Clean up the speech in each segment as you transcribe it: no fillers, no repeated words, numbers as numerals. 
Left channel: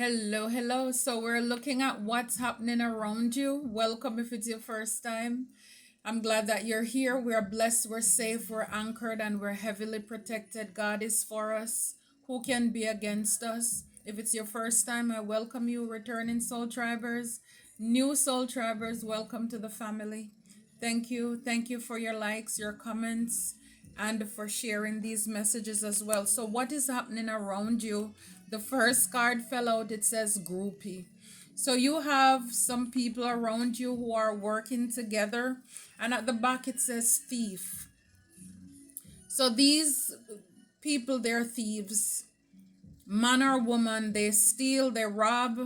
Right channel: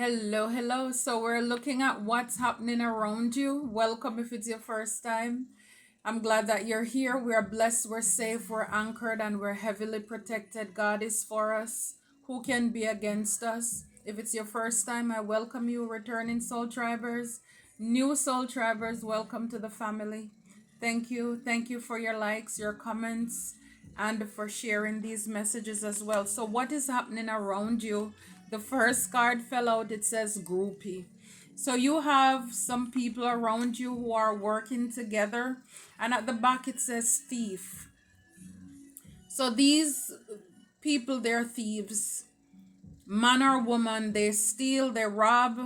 Hello, hello. So we're looking at what's happening around you. Welcome if it's your first time. I'm glad that you're here. We're blessed, we're safe, we're anchored, and we're heavily protected. God is for us. Who can be against us? If it's your first time, I welcome you, returning soul tribers, new soul tribers. Welcome to the family. Thank you. Thank you for your likes, your comments, and for sharing these messages as well. So, what is happening around you? The first card fell out, it says groupie. So, you have some people around you who are working together, and at the back it says thief. So, these people, they're thieves, man or woman, they steal, they rob,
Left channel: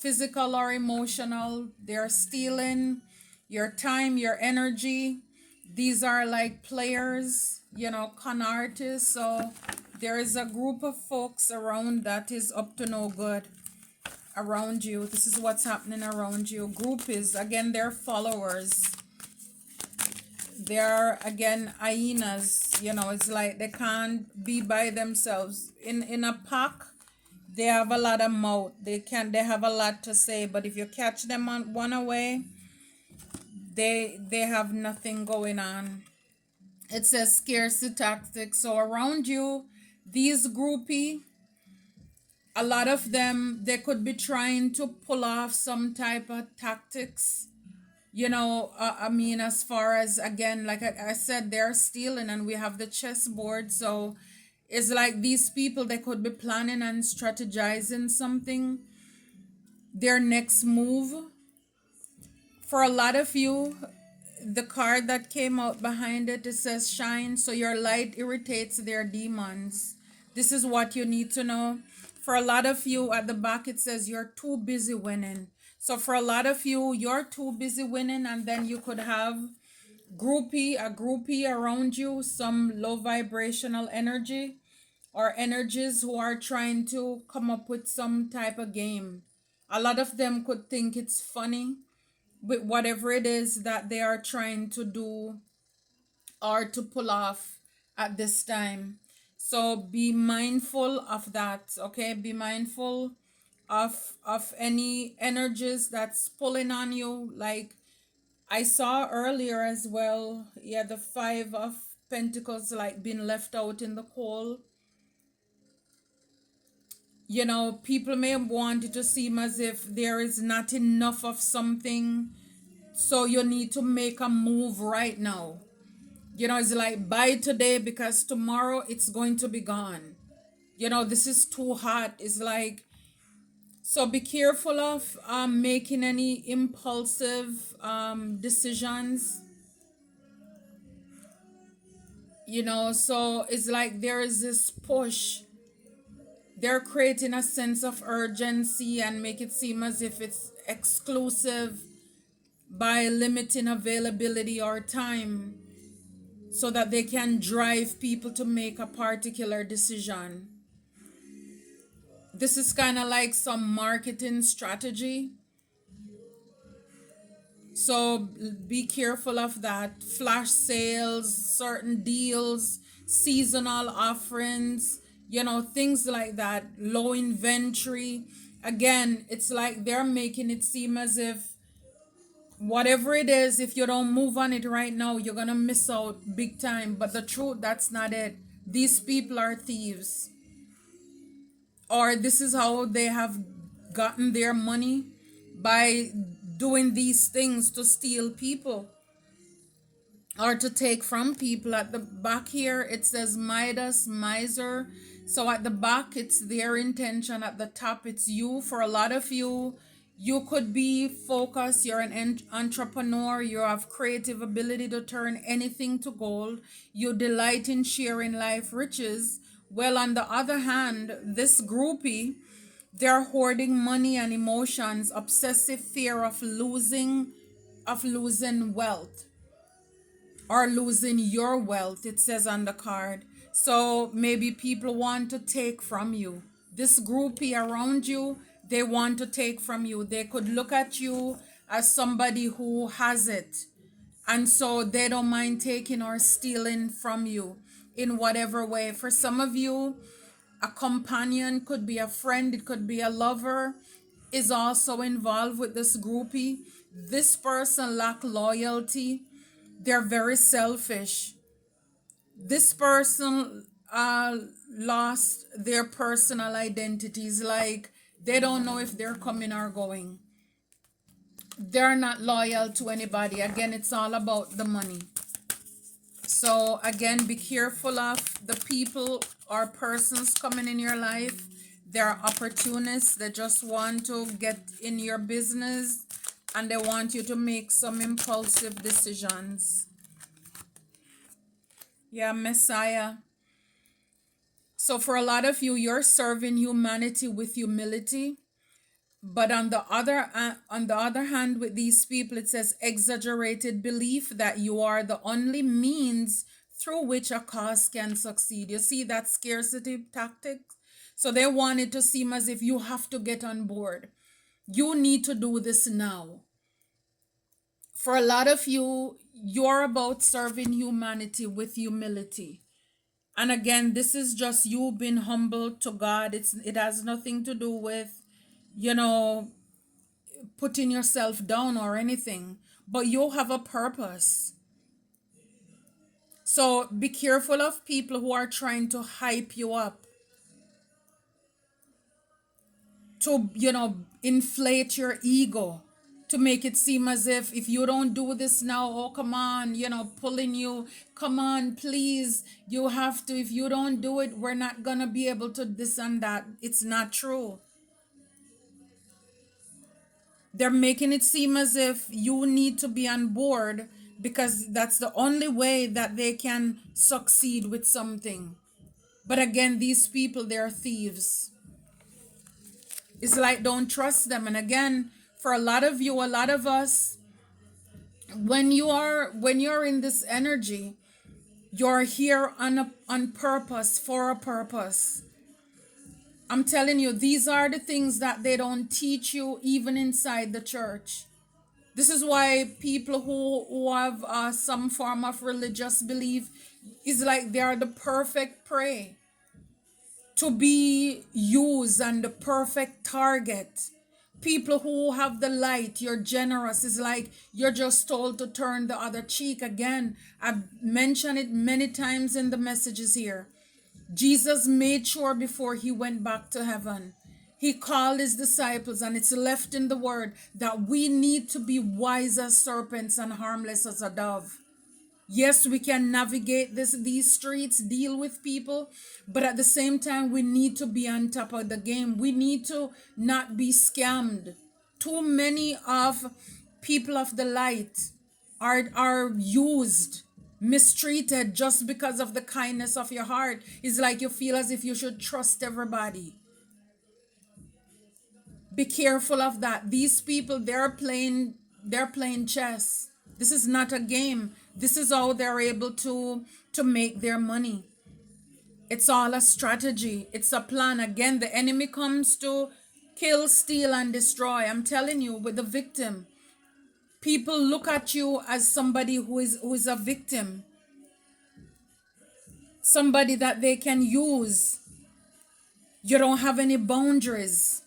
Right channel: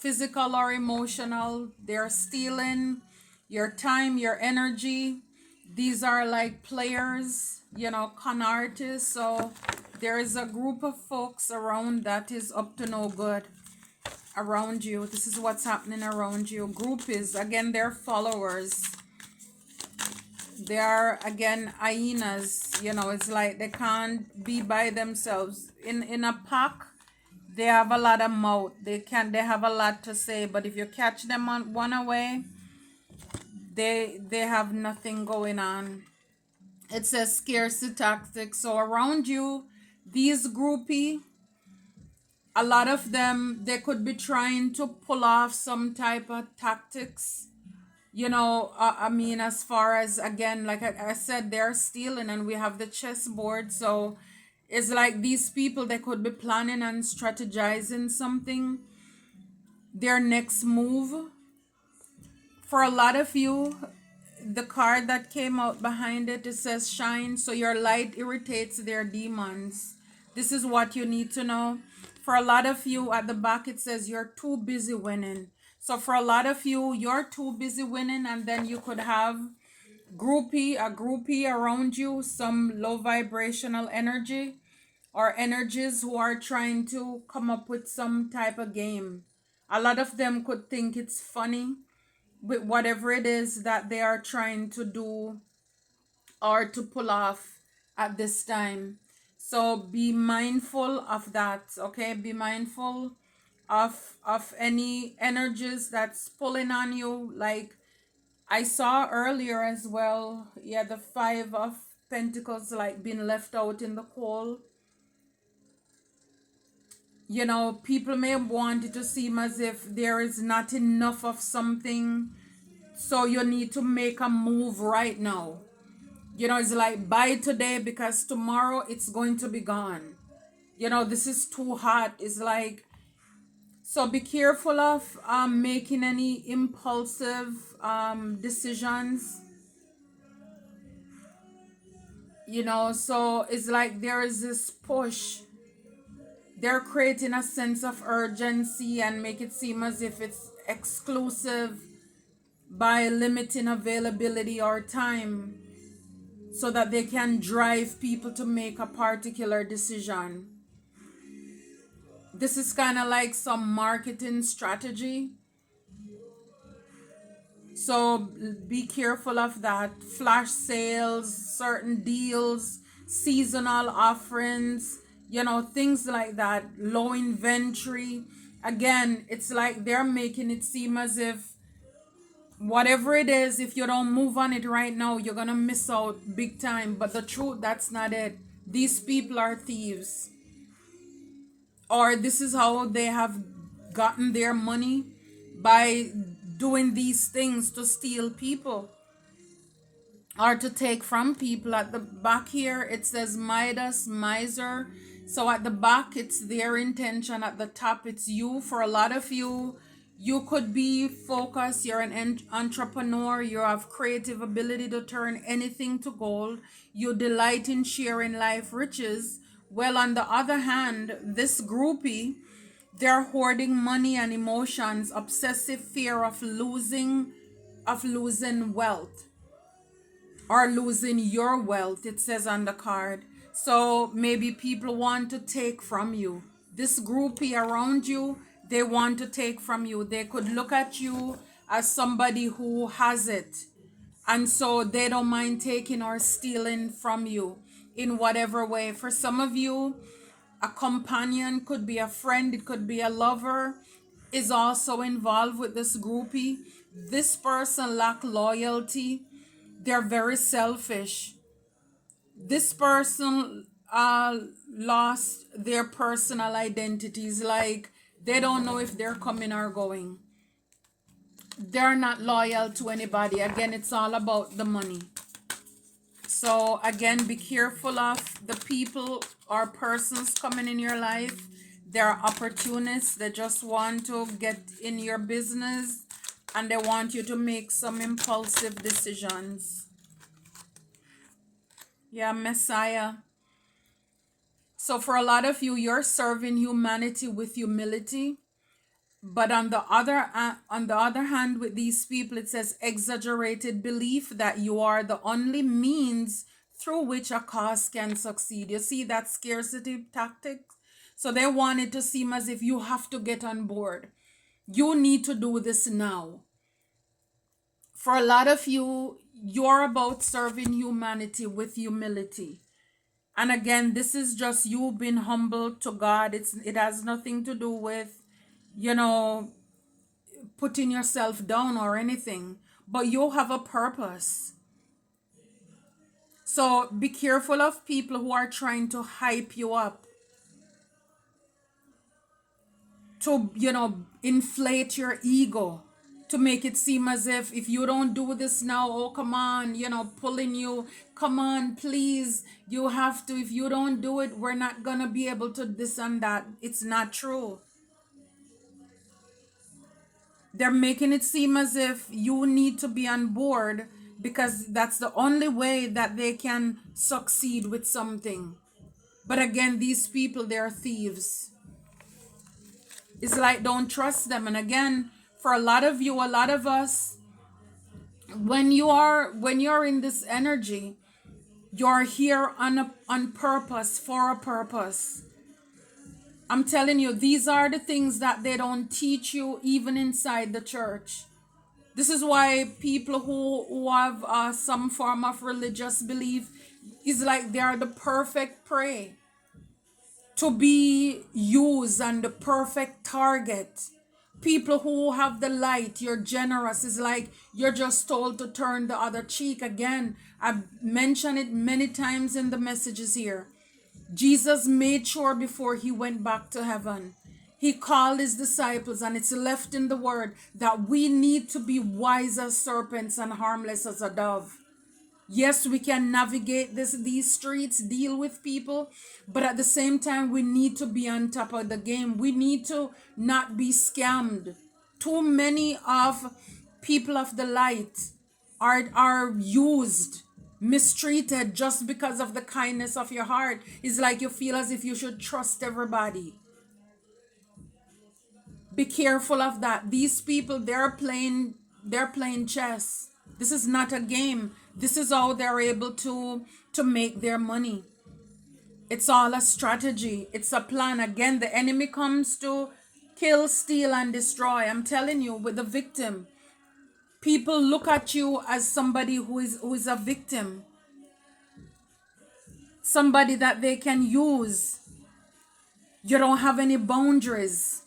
physical or emotional. They're stealing your time, your energy. These are like players, con artists. So there is a group of folks around that is up to no good around you. This is what's happening around you. Group is, again, they're followers. They are, again, hyenas. It's like they can't be by themselves in a pack. They have a lot of mouth, they have a lot to say, but if you catch them on one away, they have nothing going on. It says scarcity tactics. So around you, these groupie, a lot of them, they could be trying to pull off some type of tactics. As far as, again, like I said, they're stealing, and we have the chessboard. So it's like these people, they could be planning and strategizing something, their next move. For a lot of you, the card that came out behind it, it says shine. So your light irritates their demons. This is what you need to know. For a lot of you, at the back it says you're too busy winning. So for a lot of you, you're too busy winning, and then you could have a groupie around you, some low vibrational energy or energies who are trying to come up with some type of game. A lot of them could think it's funny with whatever it is that they are trying to do or to pull off at this time. So be mindful of that, okay? Be mindful of any energies that's pulling on you. Like I saw earlier as well, yeah, the 5 of Pentacles, like being left out in the cold. People may want it to seem as if there is not enough of something, so you need to make a move right now. It's like buy today because tomorrow it's going to be gone. This is too hot. It's like, so be careful of making any impulsive decisions. So it's like there is this push. They're creating a sense of urgency and make it seem as if it's exclusive by limiting availability or time, so that they can drive people to make a particular decision. This is kind of like some marketing strategy. So be careful of that. Flash sales, certain deals, seasonal offerings, things like that. Low inventory. Again, it's like they're making it seem as if whatever it is, if you don't move on it right now, you're gonna miss out big time. But the truth, that's not it. These people are thieves, or this is how they have gotten their money, by doing these things to steal people or to take from people. At the back here it says Midas, miser. So at the back it's their intention, at the top it's you. For a lot of you, you could be focused, you're an entrepreneur, you have creative ability to turn anything to gold, you delight in sharing life riches. Well, on the other hand, this groupie, they're hoarding money and emotions, obsessive fear of losing wealth or losing your wealth, it says on the card. So maybe people want to take from you. This groupie around you, they want to take from you. They could look at you as somebody who has it, and so they don't mind taking or stealing from you in whatever way. For some of you, a companion, could be a friend, it could be a lover, is also involved with this groupie. This person lack loyalty. They're very selfish. This person lost their personal identities. Like they don't know if they're coming or going. They're not loyal to anybody. Again, it's all about the money. So again, be careful of the people or persons coming in your life. They're opportunists. They just want to get in your business and they want you to make some impulsive decisions. Yeah, Messiah. So for a lot of you, you're serving humanity with humility. But on the other hand, with these people, it says exaggerated belief that you are the only means through which a cause can succeed. You see that scarcity tactic? So they want it to seem as if you have to get on board. You need to do this now. For a lot of you, you're about serving humanity with humility. And again, this is just you being humble to God. It has nothing to do with, you know, putting yourself down or anything, but you have a purpose. So be careful of people who are trying to hype you up, to, inflate your ego, to make it seem as if you don't do this now, oh, come on, pulling you, come on, please, you have to. If you don't do it, we're not gonna be able to this and that. It's not true. They're making it seem as if you need to be on board because that's the only way that they can succeed with something. But again, these people, they're thieves. It's like, don't trust them. And again, for a lot of you, a lot of us, when you're in this energy, you're here on purpose, for a purpose. I'm telling you, these are the things that they don't teach you even inside the church. This is why people who have some form of religious belief is like they are the perfect prey to be used and the perfect target. People who have the light, you're generous, is like you're just told to turn the other cheek. Again, I've mentioned it many times in the messages here. Jesus made sure before he went back to heaven, he called his disciples, and it's left in the word that we need to be wise as serpents and harmless as a dove. Yes, we can navigate these streets, deal with people, but at the same time, we need to be on top of the game. We need to not be scammed. Too many of people of the light are used, mistreated just because of the kindness of your heart. It's like you feel as if you should trust everybody. Be careful of that. These people, they're playing chess. This is not a game. This is how they're able to make their money. It's all a strategy. It's a plan. Again, the enemy comes to kill, steal, and destroy. I'm telling you, with the victim, people look at you as somebody who is a victim, somebody that they can use. You don't have any boundaries.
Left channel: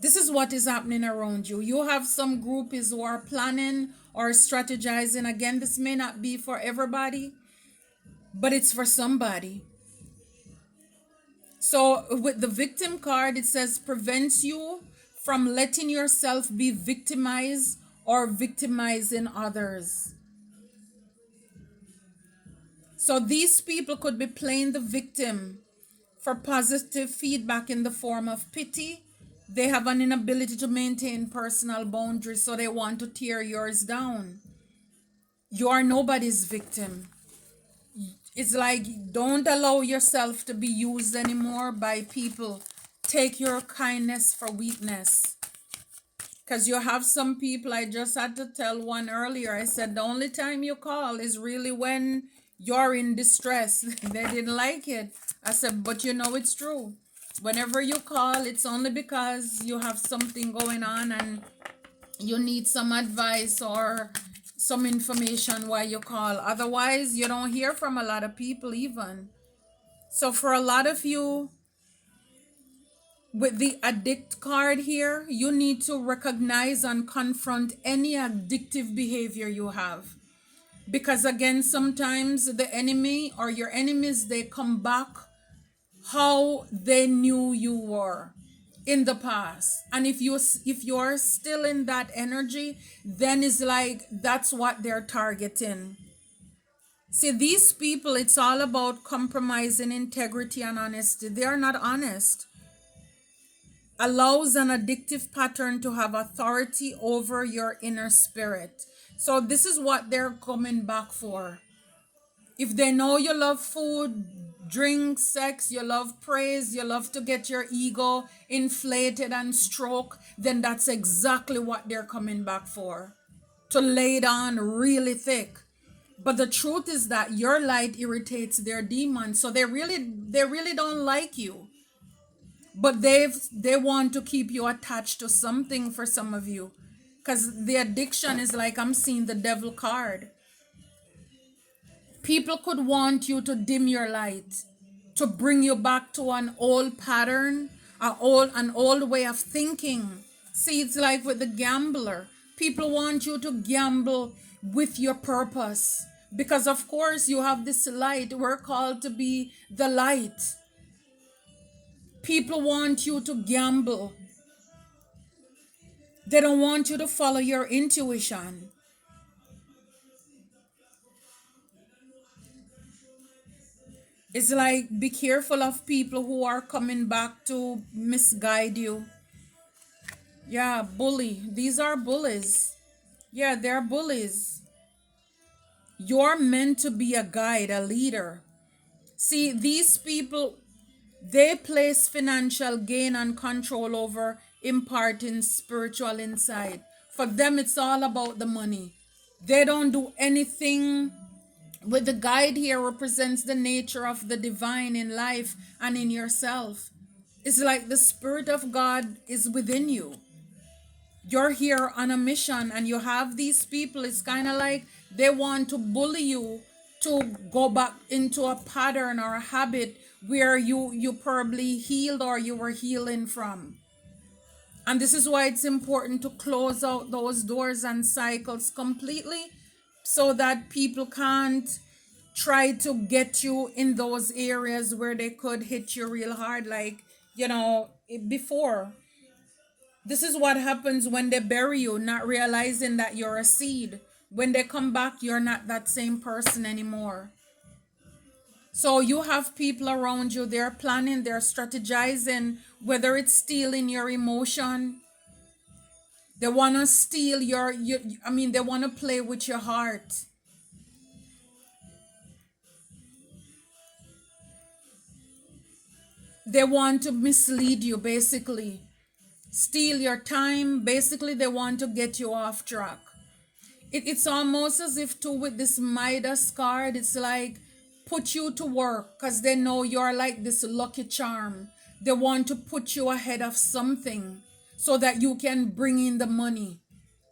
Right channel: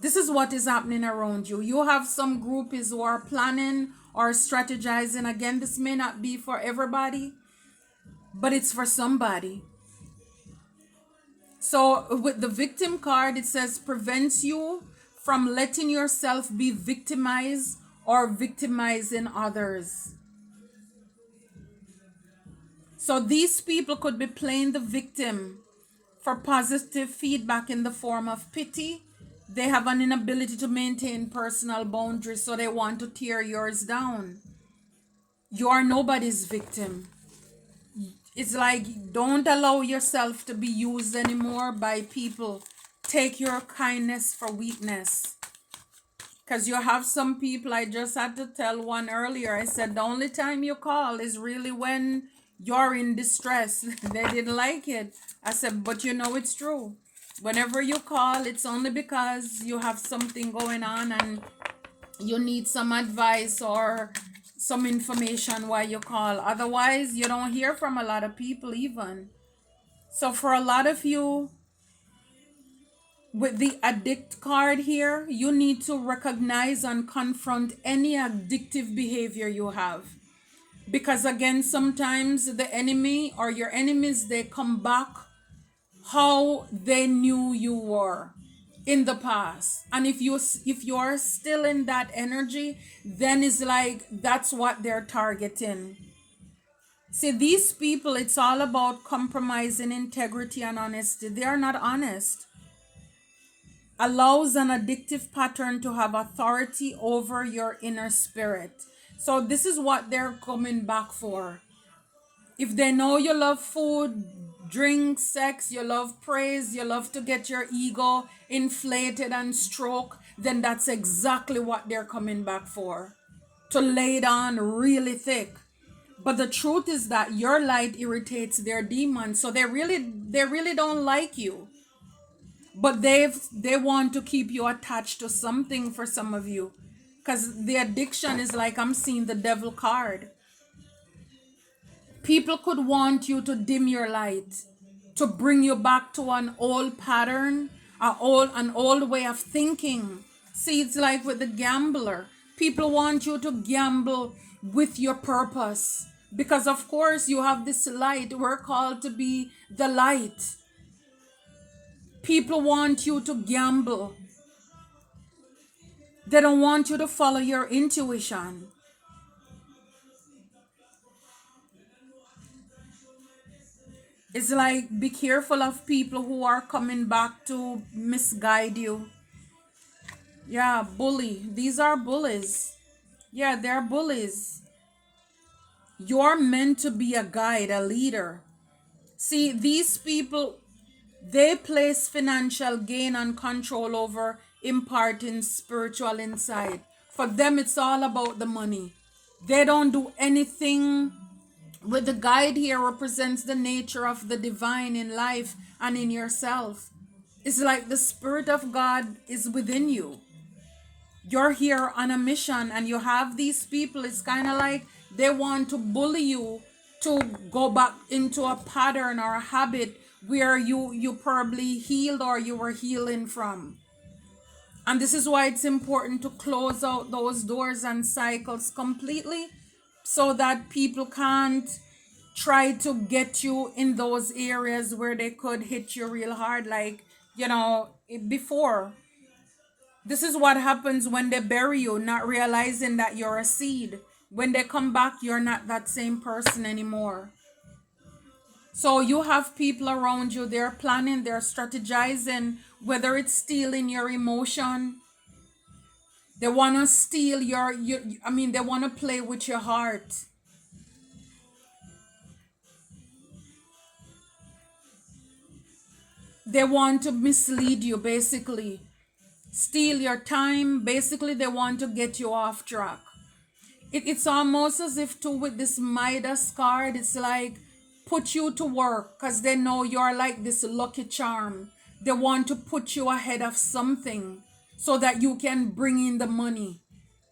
This is what is happening around you. You have some groupies who are planning or strategizing. Again, this may not be for everybody, but it's for somebody. So with the victim card, it says prevents you from letting yourself be victimized or victimizing others. So these people could be playing the victim for positive feedback in the form of pity. They have an inability to maintain personal boundaries, so they want to tear yours down. You are nobody's victim. It's like, don't allow yourself to be used anymore by people. Take your kindness for weakness. Because you have some people, I just had to tell one earlier, I said, the only time you call is really when you're in distress. They didn't like it. I said, but it's true. Whenever you call, it's only because you have something going on and you need some advice or some information while you call. Otherwise, you don't hear from a lot of people even. So for a lot of you, With the addict card here, you need to recognize and confront any addictive behavior you have. Because again, sometimes the enemy or your enemies, they come back how they knew you were in the past. And if you're still in that energy, then it's like that's what they're targeting. See, these people, it's all about compromising integrity and honesty. They are not honest. Allows an addictive pattern to have authority over your inner spirit. So this is what they're coming back for. If they know you love food, drink, sex, you love praise, you love to get your ego inflated and stroke, then that's exactly what they're coming back for. To lay it on really thick. But the truth is that your light irritates their demons. So they really don't like you. But they want to keep you attached to something for some of you. Because the addiction is like I'm seeing the devil card. People could want you to dim your light, to bring you back to an old pattern, an old way of thinking. See, it's like with the gambler. People want you to gamble with your purpose. Because of course you have this light. We're called to be the light. People want you to gamble. They don't want you to follow your intuition. It's like be careful of people who are coming back to misguide you. Yeah, bully. These are bullies. Yeah, they're bullies. You're meant to be a guide, a leader. See, these people, they place financial gain and control over imparting spiritual insight. For them, it's all about the money. They don't do anything. With the guide here represents the nature of the divine in life and in yourself. It's like the Spirit of God is within you. You're here on a mission and you have these people. It's kind of like they want to bully you to go back into a pattern or a habit where you probably healed or you were healing from. And this is why it's important to close out those doors and cycles completely so that people can't try to get you in those areas where they could hit you real hard, like, before. This is what happens when they bury you, not realizing that you're a seed. When they come back, you're not that same person anymore. So you have people around you, they're planning, they're strategizing, whether it's stealing your emotion. They want to steal they want to play with your heart. They want to mislead you, basically. Steal your time. Basically, they want to get you off track. It's almost as if too with this Midas card, it's like put you to work because they know you're like this lucky charm. They want to put you ahead of something so that you can bring in the money.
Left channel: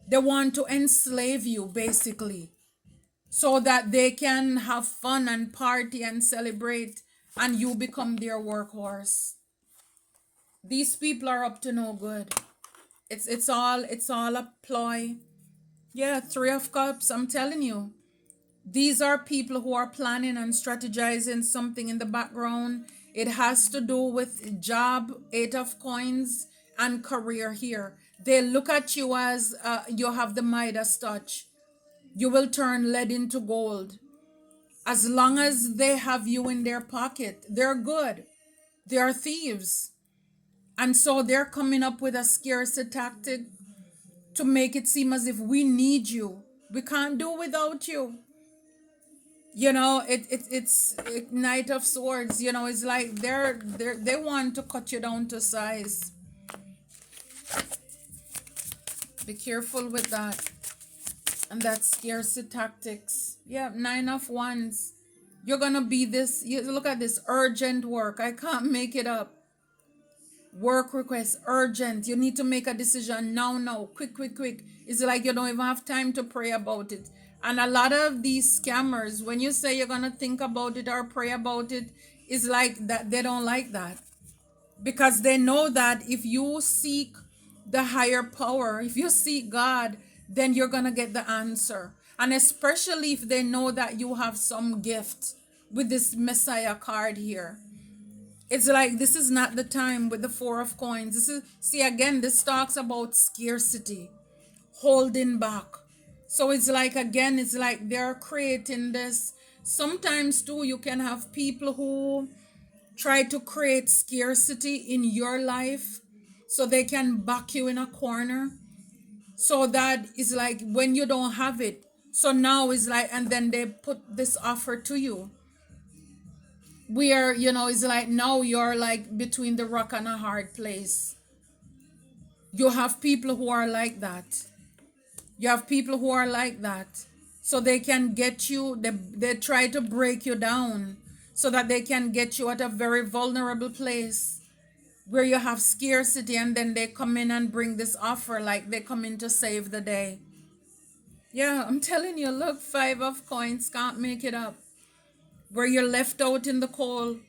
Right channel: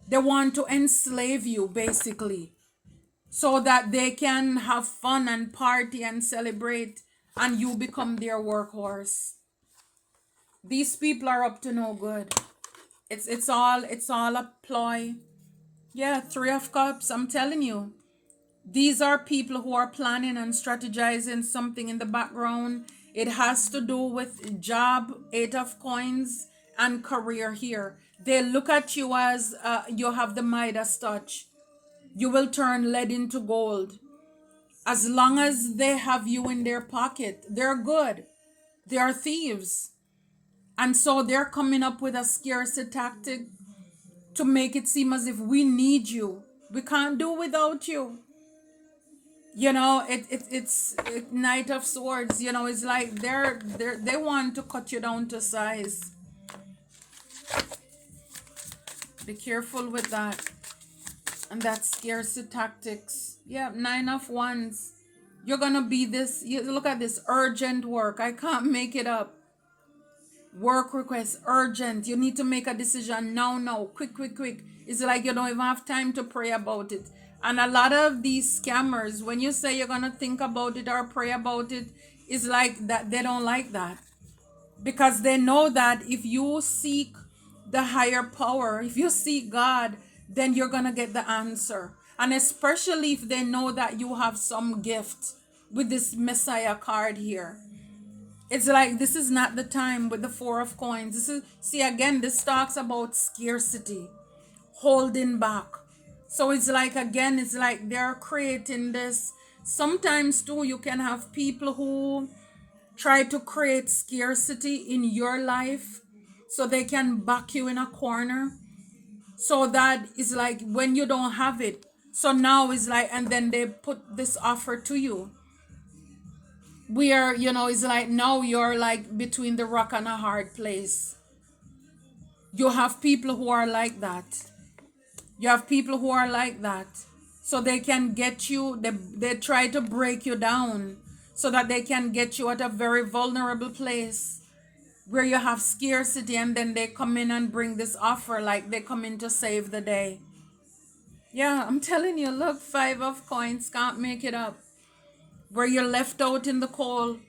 They want to enslave you basically so that they can have fun and party and celebrate and you become their workhorse. These people are up to no good. It's all a ploy. Yeah, 3 of Cups, I'm telling you. These are people who are planning and strategizing something in the background. It has to do with job, 8 of Coins, and career here. They look at you as you have the Midas touch. You will turn lead into gold. As long as they have you in their pocket, they're good. They are thieves. And so they're coming up with a scarcity tactic to make it seem as if we need you. We can't do without you. It's Knight of Swords. It's like they want to cut you down to size. Be careful with that. And that's scarcity tactics. Yeah, 9 of Wands. You're gonna be this. Look at this urgent work. I can't make it up. Work request urgent. You need to make a decision now, quick, quick, quick. It's like you don't even have time to pray about it. And a lot of these scammers, when you say you're gonna think about it or pray about it, it's like that they don't like that. because they know that if you seek the higher power, if you seek God, then you're going to get the answer. And especially if they know that you have some gift with this Messiah card here. It's like this is not the time with the Four of Coins. This is, see, again, this talks about scarcity, holding back. So it's like, again, it's like they're creating this. Sometimes too, you can have people who try to create scarcity in your life so they can back you in a corner. So that is like when you don't have it. So now it's like, and then they put this offer to you. Where, it's like now you're like between the rock and a hard place. You have people who are like that. You have people who are like that. So they can get you, they try to break you down so that they can get you at a very vulnerable place where you have scarcity, and then they come in and bring this offer like they come in to save the day. Yeah, I'm telling you, look, Five of Coins, can't make it up. Where you're left out in the cold.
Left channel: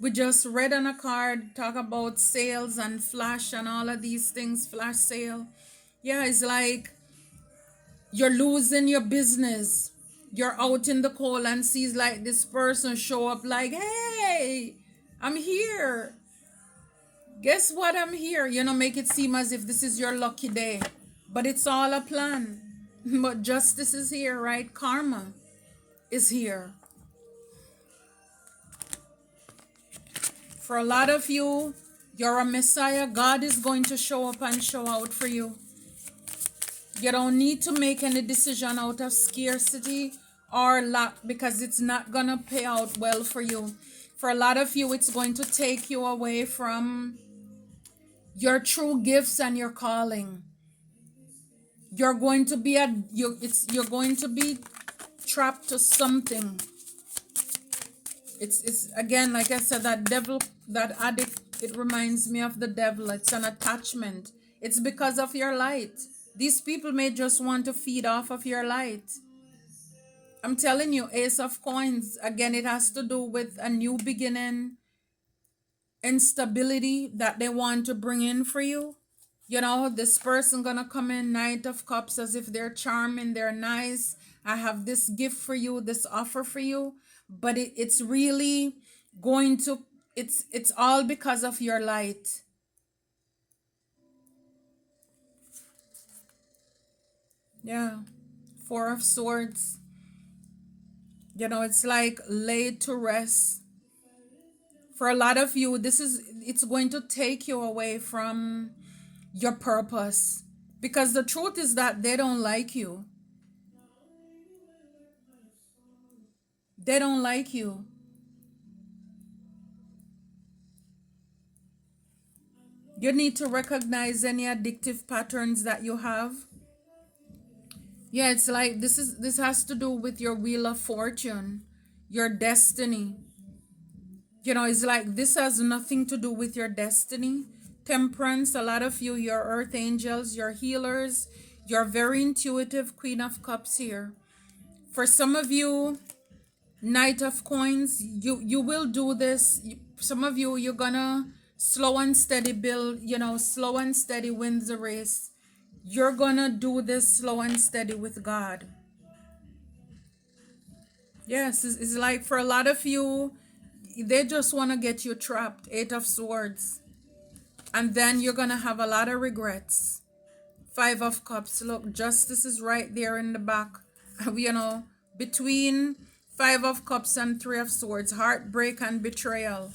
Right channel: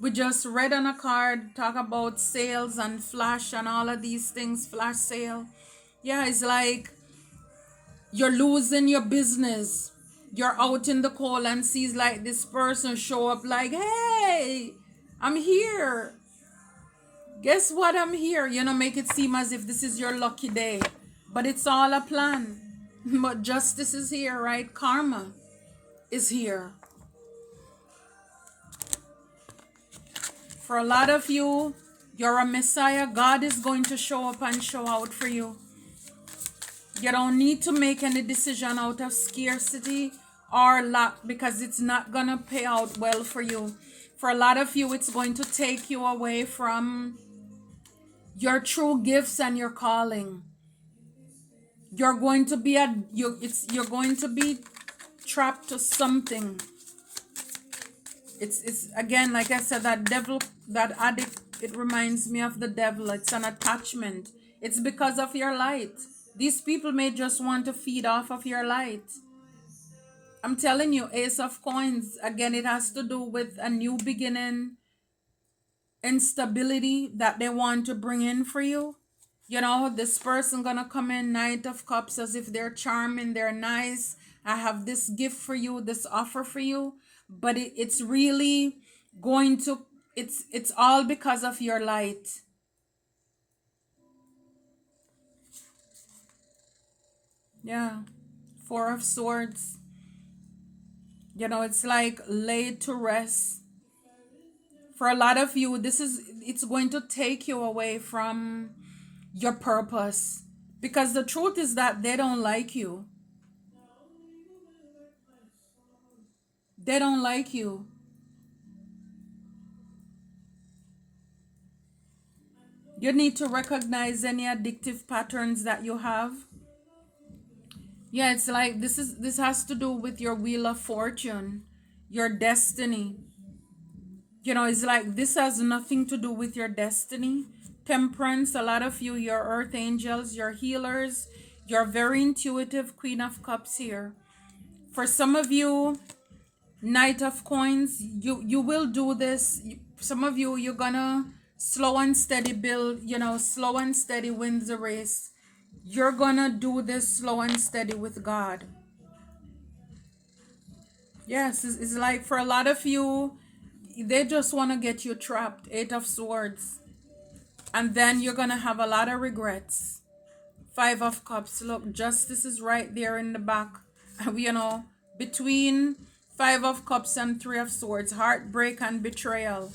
We just read on a card, talk about sales and flash and all of these things, flash sale. Yeah, it's like you're losing your business. You're out in the cold and sees like this person show up like, hey, I'm here. Guess what? I'm here. Make it seem as if this is your lucky day. But it's all a plan. But justice is here, right? Karma is here. For a lot of you, you're a Messiah. God is going to show up and show out for you. You don't need to make any decision out of scarcity or lack, because it's not going to pay out well for you. For a lot of you, it's going to take you away from your true gifts and your calling. You're going to be you're going to be trapped to something. It's again, like I said, that devil, that addict, it reminds me of the devil. It's an attachment. It's because of your light. These people may just want to feed off of your light. I'm telling you, Ace of Coins, again, it has to do with a new beginning, instability that they want to bring in for you. This person gonna come in, Knight of Cups, as if they're charming, they're nice. I have this gift for you, this offer for you, but it's really going to, it's all because of your light. Yeah, Four of Swords. It's like laid to rest. For a lot of you, it's going to take you away from your purpose, because the truth is that they don't like you. They don't like you. You need to recognize any addictive patterns that you have. Yeah, it's like this has to do with your wheel of fortune, your destiny. It's like this has nothing to do with your destiny. Temperance, a lot of you, your earth angels, your healers, you're very intuitive, Queen of Cups here. For some of you, Knight of Coins, you will do this. Some of you, you're gonna slow and steady build, slow and steady wins the race. You're gonna do this slow and steady with God. Yes, it's like for a lot of you, they just want to get you trapped. Eight of Swords. And then you're gonna have a lot of regrets. Five of Cups. Look, justice is right there in the back. Between Five of Cups and Three of Swords, heartbreak and betrayal.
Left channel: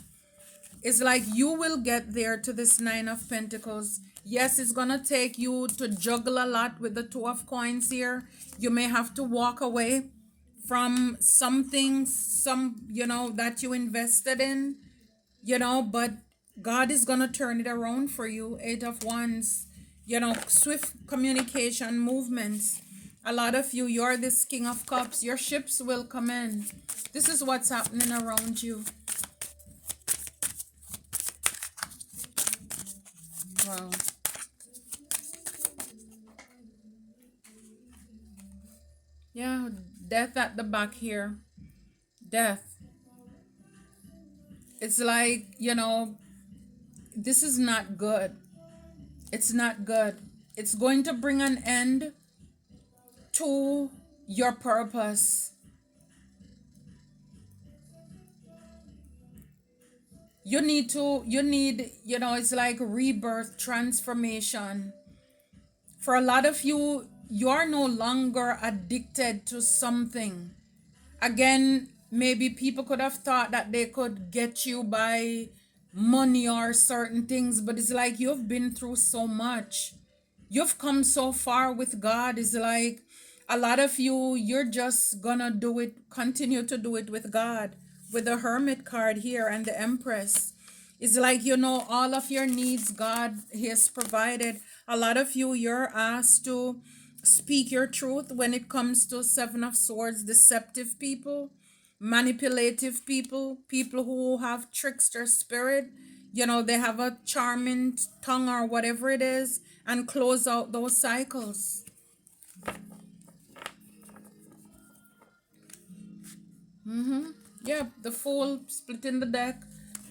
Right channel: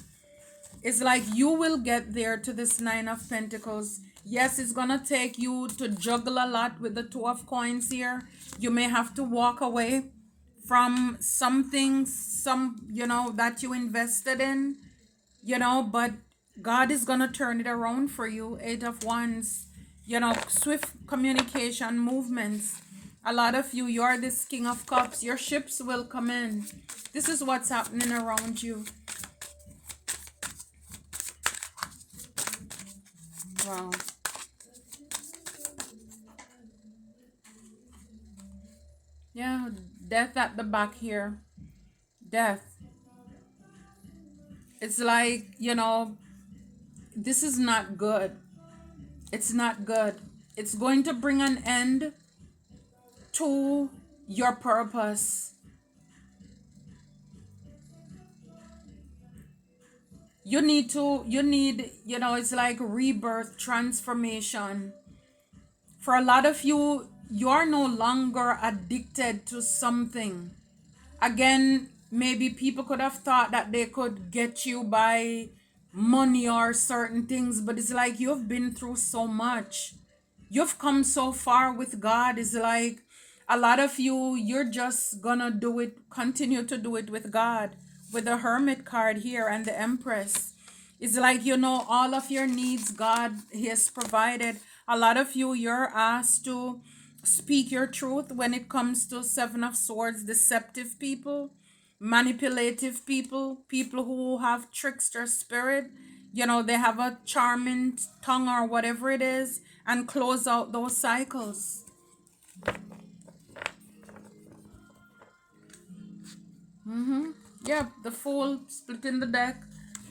It's like you will get there to this Nine of Pentacles. Yes, it's gonna take you to juggle a lot with the Two of Coins here. You may have to walk away from something, that you invested in, but God is gonna turn it around for you. Eight of Wands, swift communication, movements. A lot of you, you're this King of Cups. Your ships will come in. This is what's happening around you. Wow. Yeah, death at the back here. Death. It's like, this is not good. It's not good. It's going to bring an end to your purpose. It's like rebirth, transformation. For a lot of you, you're no longer addicted to something. Again, maybe people could have thought that they could get you by money or certain things, but it's like you've been through so much. You've come so far with God. It's like a lot of you, you're just gonna do it, continue to do it with God, with the Hermit card here and the Empress. It's like, all of your needs, God has provided. A lot of you, you're asked to speak your truth when it comes to Seven of Swords, deceptive people, manipulative people, people who have trickster spirit. They have a charming tongue or whatever it is, and close out those cycles. Yeah, the Fool, splitting the deck,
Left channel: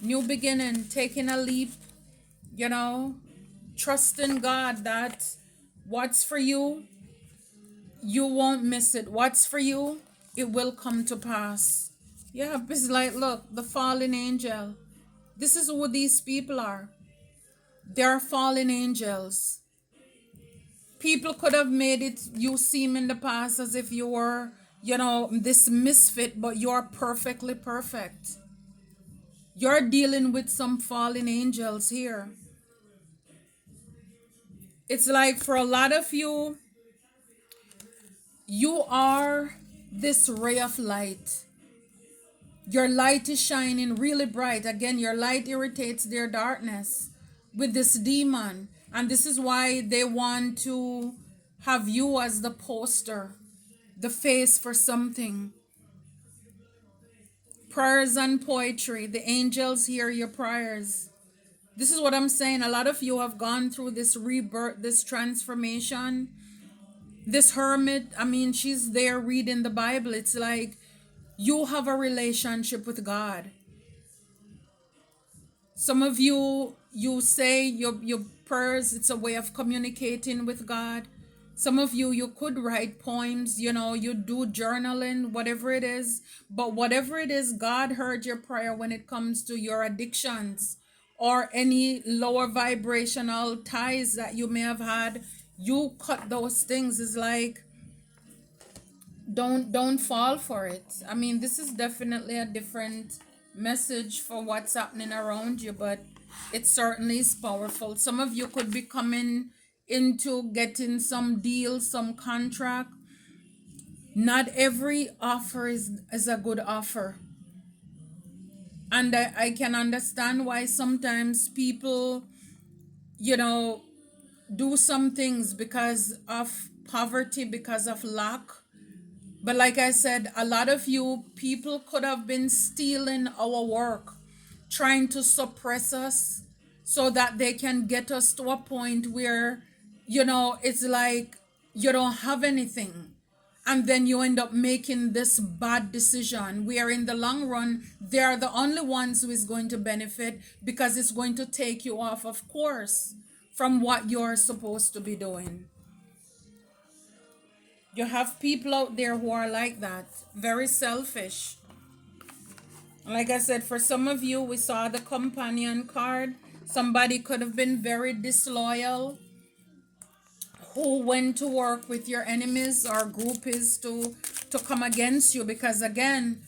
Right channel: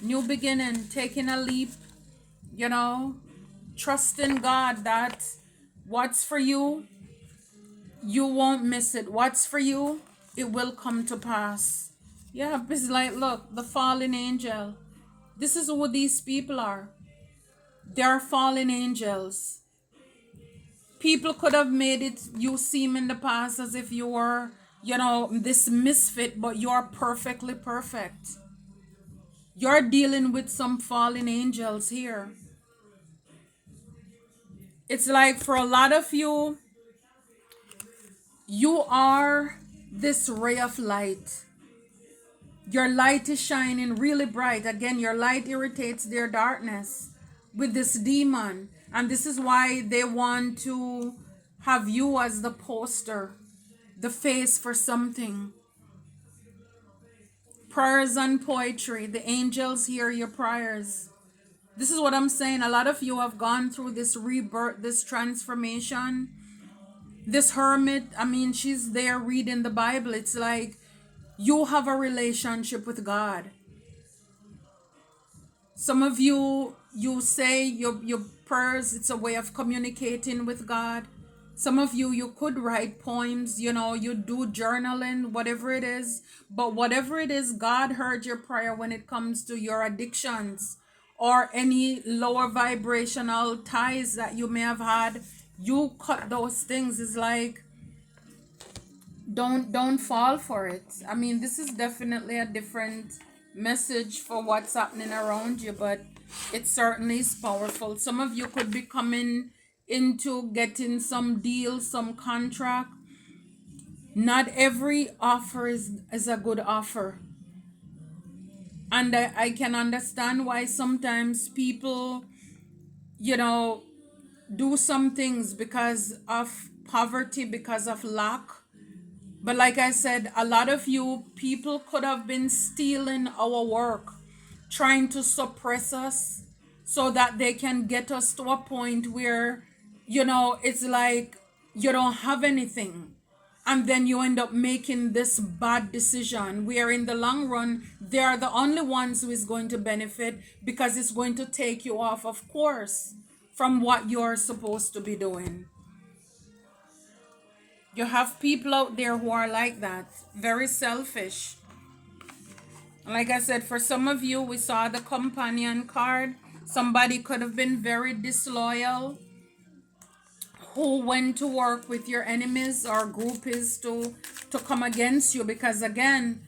new beginning, taking a leap, you know, trusting God that what's for you, you won't miss it. What's for you, it will come to pass. Yeah, it's like, look, the fallen angel. This is who these people are. They're fallen angels. People could have made it you seem in the past as if you were, this misfit, but you're perfectly perfect. You're dealing with some fallen angels here. It's like for a lot of you, you are this ray of light. Your light is shining really bright. Again, your light irritates their darkness with this demon. And this is why they want to have you as the poster, the face for something. Prayers and poetry. The angels hear your prayers. This is what I'm saying. A lot of you have gone through this rebirth, this transformation. This hermit, she's there reading the Bible. It's like you have a relationship with God. Some of you, you say your prayers, it's a way of communicating with God. Some of you, you could write poems, you do journaling, whatever it is. But whatever it is, God heard your prayer when it comes to your addictions or any lower vibrational ties that you may have had. You cut those things. It's like, don't fall for it. This is definitely a different message for what's happening around you, but it certainly is powerful. Some of you could be coming into getting some deal, some contract. Not every offer is a good offer. And I can understand why sometimes people, do some things because of poverty, because of lack. But like I said, a lot of you people could have been stealing our work, trying to suppress us so that they can get us to a point where, it's like you don't have anything. And then you end up making this bad decision where in the long run, they are the only ones who is going to benefit because it's going to take you off, of course, from what you're supposed to be doing. You have people out there who are like that, very selfish. Like I said, for some of you, we saw the companion card. Somebody could have been very disloyal, who went to work with your enemies or groupies to come against you. Because again,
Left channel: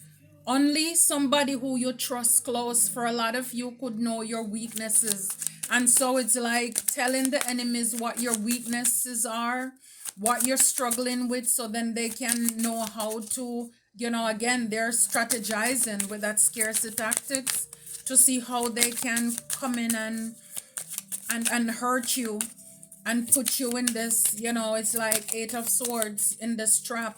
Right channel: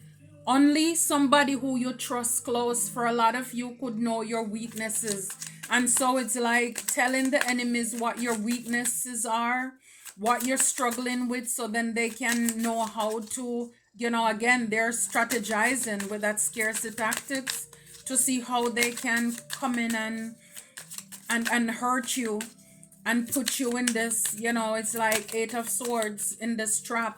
only somebody who you trust close for a lot of you could know your weaknesses. And so it's like telling the enemies what your weaknesses are, what you're struggling with, so then they can know how to, again, they're strategizing with that scarcity tactics to see how they can come in and hurt you and put you in this, it's like Eight of Swords in this trap.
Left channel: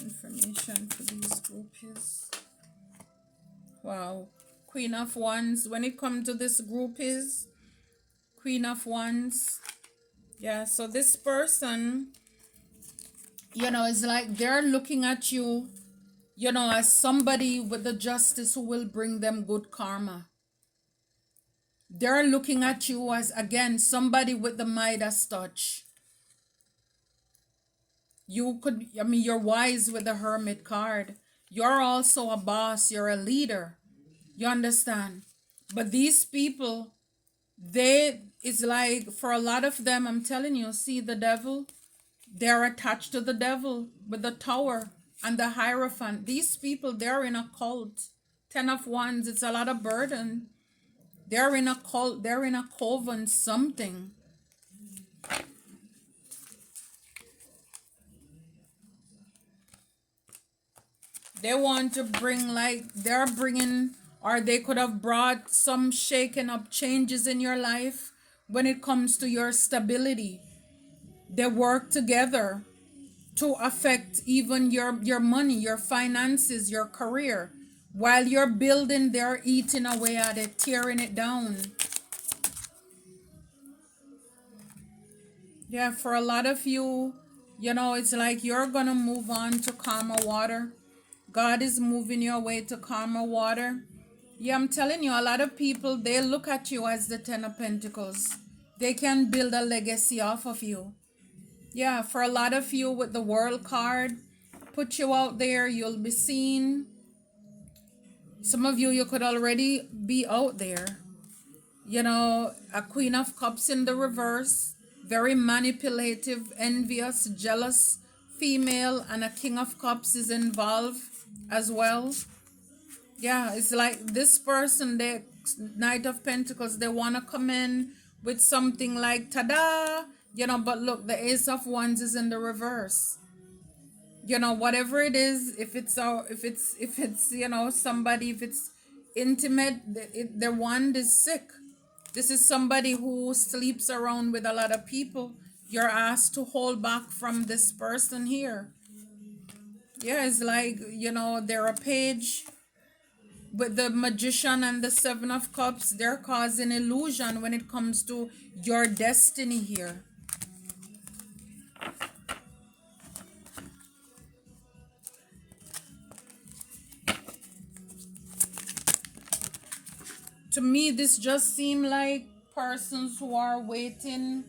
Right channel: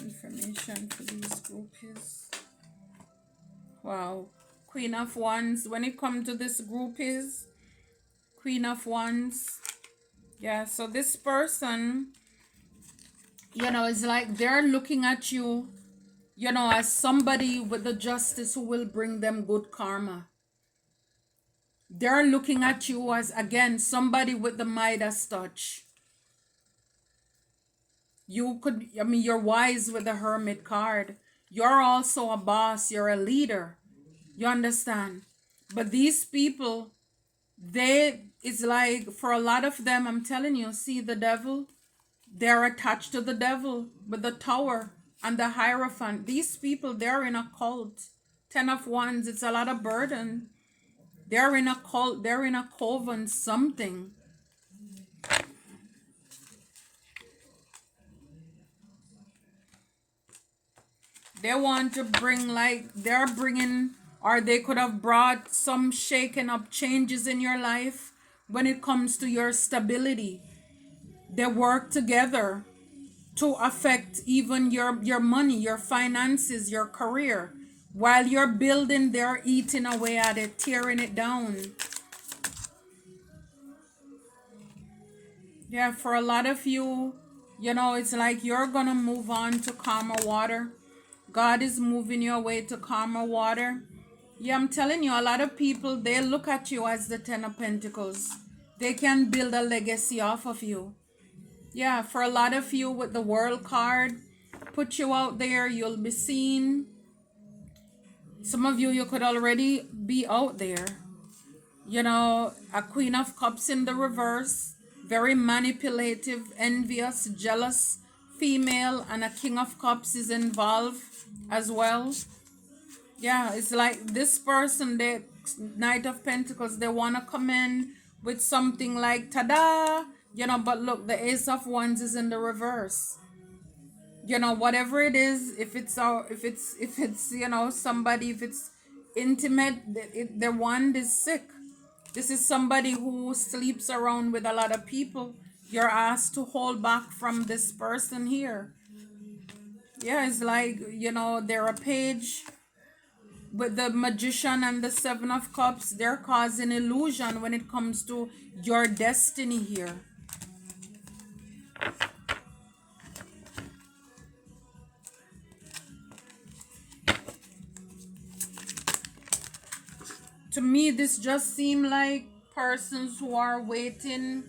Information for these groupies. Wow. Queen of Wands. When it comes to this groupies, Queen of Wands, Yeah, so this person, is like they're looking at you, as somebody with the justice who will bring them good karma. They're looking at you as, again, somebody with the Midas touch. You're wise with the Hermit card. You're also a boss, you're a leader. You understand? But these people, it's like for a lot of them, I'm telling you, see the devil, they're attached to the devil with the tower and the hierophant. These people, they're in a cult. 10 of Wands, it's a lot of burden. They're in a cult, they're in a coven, something. They want to bring, like, they're bringing, or they could have brought some shaken up changes in your life when it comes to your stability. They work together to affect even your money, your finances, your career. While you're building, they're eating away at it, tearing it down. Yeah, for a lot of you, it's like you're gonna move on to calmer water. God is moving your way to calmer water. Yeah, I'm telling you, a lot of people, they look at you as the Ten of Pentacles. They can build a legacy off of you. Yeah, for a lot of you with the World card, put you out there, you'll be seen. Some of you, you could already be out there. A Queen of Cups in the reverse, very manipulative, envious, jealous female, and a King of Cups is involved as well. Yeah, it's like this person, the Knight of Pentacles, they want to come in with something like tada, but look, the Ace of Wands is in the reverse. Whatever it is, if it's somebody, if it's intimate, the wand is sick. This is somebody who sleeps around with a lot of people. You're asked to hold back from this person here. Yeah, it's like, they're a page with the Magician and the Seven of Cups. They're causing illusion when it comes to your destiny here. To me, this just seemed like persons who are waiting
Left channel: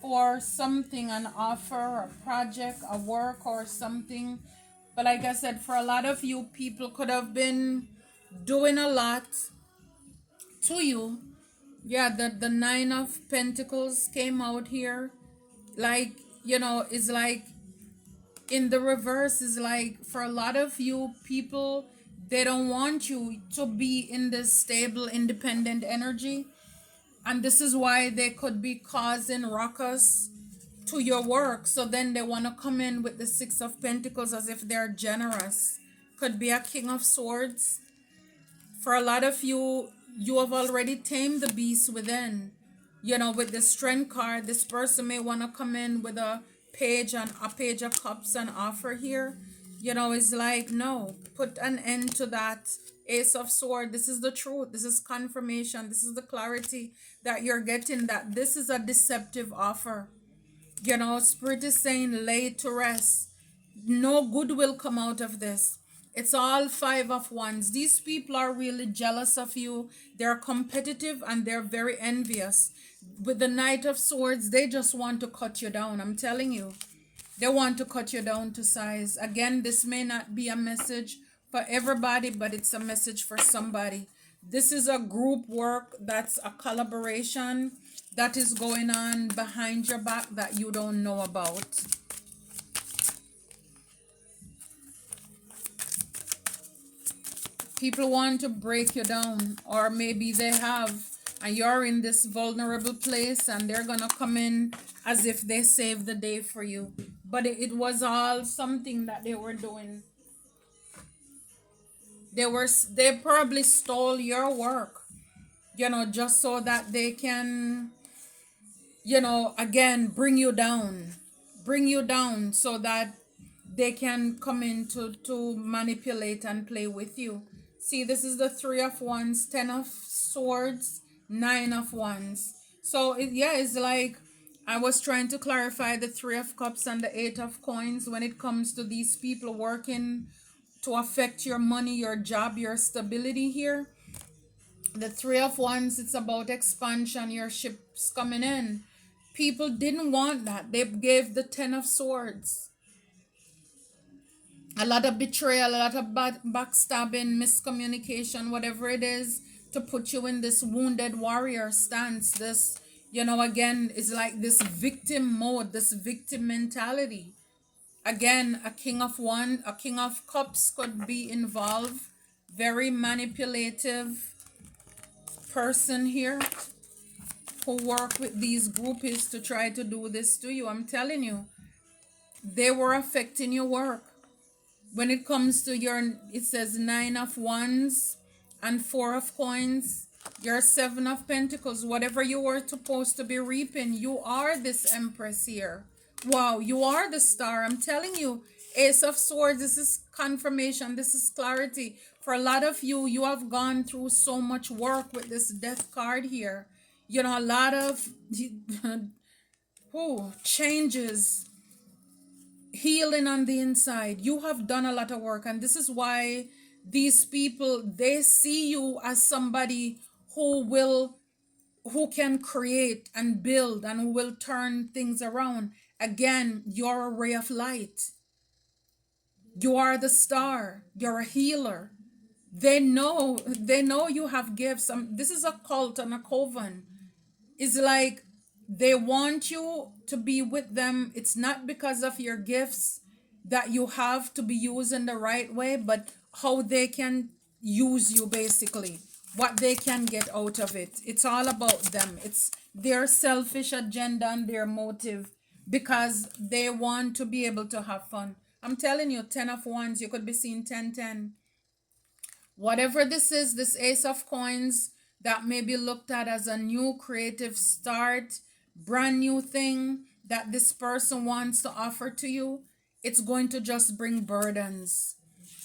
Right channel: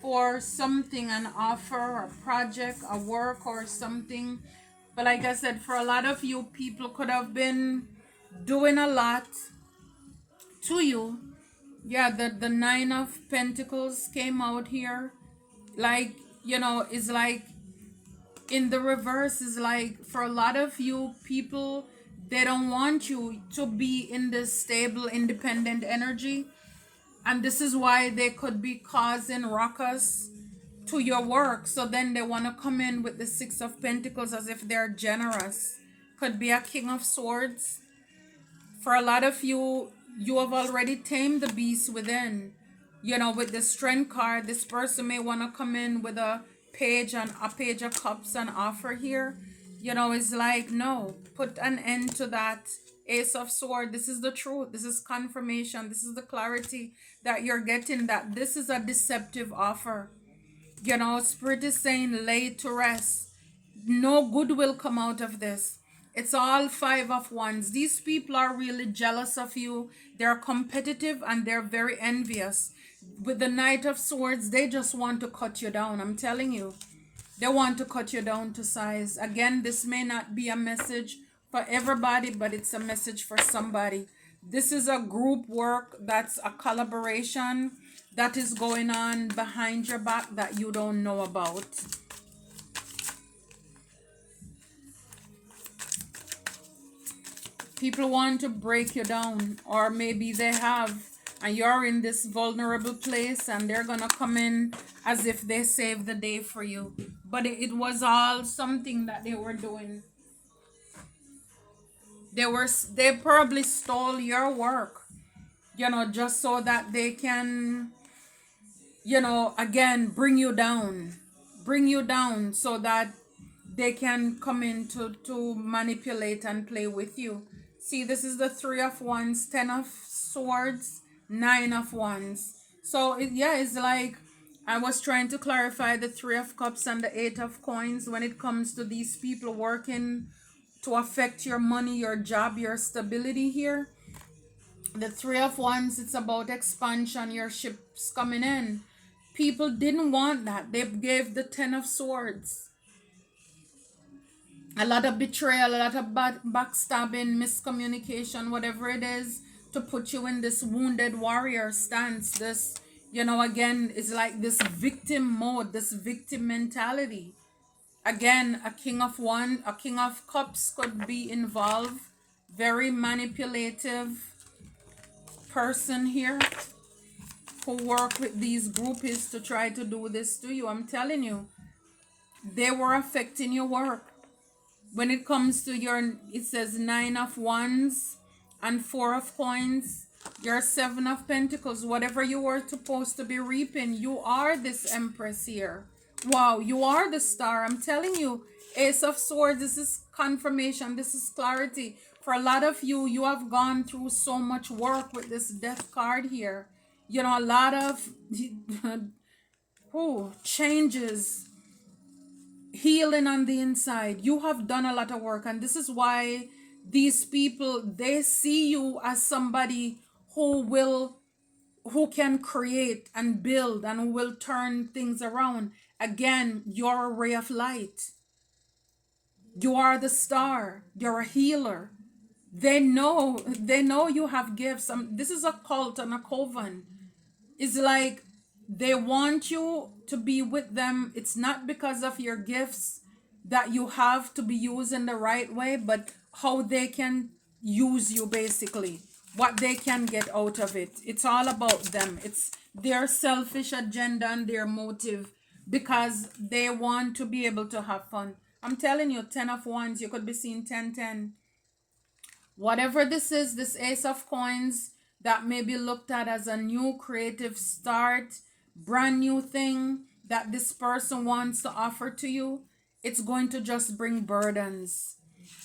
for something, an offer, a project, a work, or something. But like I said, for a lot of you, people could have been doing a lot to you. Yeah, the Nine of Pentacles came out here. Like, is like in the reverse, is like for a lot of you people, they don't want you to be in this stable, independent energy. And this is why they could be causing ruckus to your work. So then they want to come in with the Six of Pentacles as if they're generous. Could be a King of Swords. For a lot of you, you have already tamed the beast within. With the Strength card, this person may want to come in with a Page of Cups and offer here. It's like, no, put an end to that. Ace of Sword, this is the truth. This is confirmation. This is the clarity that you're getting, that this is a deceptive offer. Spirit is saying, lay to rest. No good will come out of this. It's all Five of Wands. These people are really jealous of you. They're competitive and they're very envious. With the Knight of Swords, they just want to cut you down. I'm telling you. They want to cut you down to size. Again, this may not be a message for everybody, but it's a message for somebody. This is a group work, that's a collaboration that is going on behind your back that you don't know about. People want to break you down, or maybe they have, and you're in this vulnerable place, and they're gonna come in as if they saved the day for you. But it was all something that they were doing. They probably stole your work, just so that they can, again, bring you down so that they can come in to manipulate and play with you. See, this is the Three of Wands, 10 of Swords, Nine of Wands. So yeah, it's like I was trying to clarify the Three of Cups and the Eight of Coins when it comes to these people working to affect your money, your job, your stability here. The Three of Wands, it's about expansion, your ships coming in. People didn't want that. They gave the Ten of Swords. A lot of betrayal, a lot of backstabbing, miscommunication, whatever it is, to put you in this wounded warrior stance. This, again, is like this victim mode, this victim mentality. Again, a king of cups could be involved. Very manipulative person here who work with these groupies to try to do this to you. I'm telling you, they were affecting your work. When it comes to it says Nine of Wands and Four of Coins, your Seven of Pentacles, whatever you were supposed to be reaping, you are this Empress here. Wow, you are the star. I'm telling you, Ace of Swords, this is confirmation, this is clarity. For a lot of you, you have gone through so much work with this Death card here. A lot of changes, healing on the inside. You have done a lot of work, and this is why these people, they see you as somebody who can create and build and who will turn things around. Again, you're a ray of light. You are the star. You're a healer. They know you have gifts. This is a cult and a coven. It's like they want you to be with them. It's not because of your gifts that you have to be used in the right way, but how they can use you, basically. What they can get out of it. It's all about them. It's their selfish agenda and their motive, because they want to be able to have fun. I'm telling you, 10 of Wands, you could be seeing 10-10. Whatever this is, this Ace of Coins, that may be looked at as a new creative start, brand new thing that this person wants to offer to you, it's going to just bring burdens.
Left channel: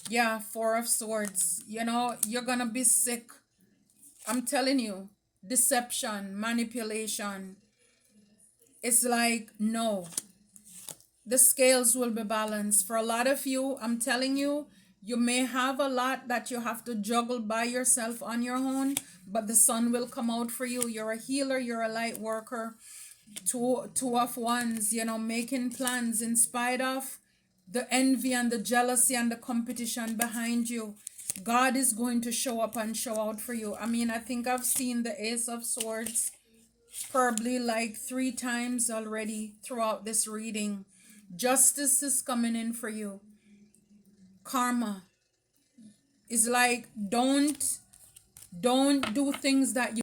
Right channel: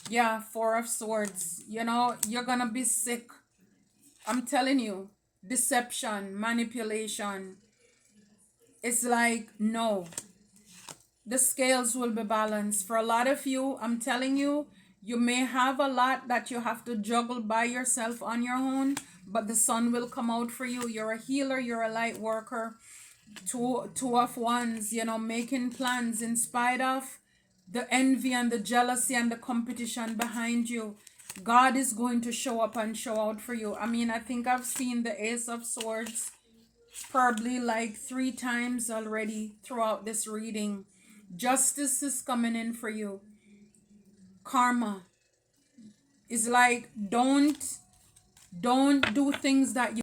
Yeah, Four of Swords. You're going to be sick. I'm telling you, deception, manipulation. It's like, no. The scales will be balanced. For a lot of you, I'm telling you, you may have a lot that you have to juggle by yourself on your own, but the sun will come out for you. You're a healer, you're a light worker. Two of Wands, making plans in spite of the envy and the jealousy and the competition behind you. God is going to show up and show out for you. I think I've seen the Ace of Swords probably like 3 times already throughout this reading. Justice is coming in for you. Karma is like, don't do things that you